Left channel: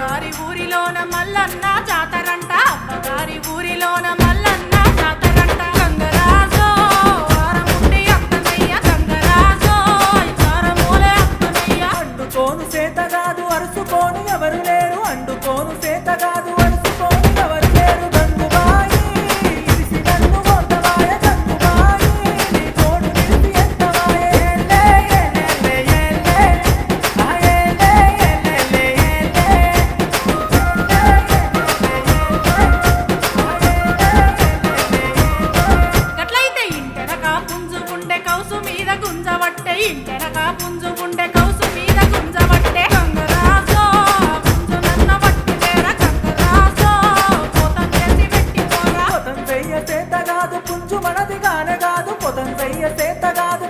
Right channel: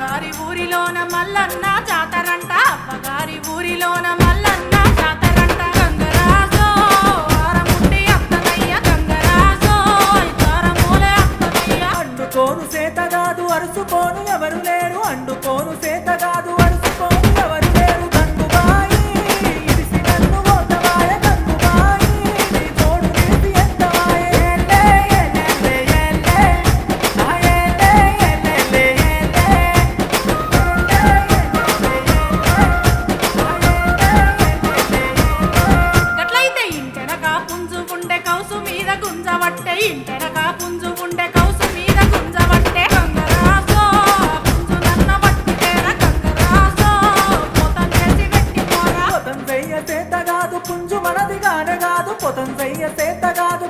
అవ్వగారి ఊరిలోన మల్లన్న జాతరంట అవ్వగారి ఊరిలోన మల్లన్న జాతరంట గంగరాజో ఆరముండి అత్తనయ్య గంగరాజో ఇతారమూలే అత్తనయ్య అండుకోను సేతగాదు అరుసుకోను ఎవరు లేరు అండుకోను సేతగాదు అరుసుకోను ఎవరు లేరు గంగుబాయి ఇరిసి నన్ను ఓతవాయ గంగుబాయి నీ తోడు నిలిపి ఎంతవాయ ఏలే ఏలే ఏలే ఆ ఏలే ఏలే ఏలే గట్లయితే ఇంటెనక పుంజు ఉండే కౌసు మీద గుంజవట్టే ఇంటెనక పుంజు ఉండే కౌసు మీద గుంజవట్టే గంగరాజో పుంజు నన్న వట్టిదేర గంగరాజో పోతం చేసి పెట్టి పోరా పొతం చెయ్య సేతగాదు పుంజు మనది గానగాదు పొతం చెయ్య సేతగాదు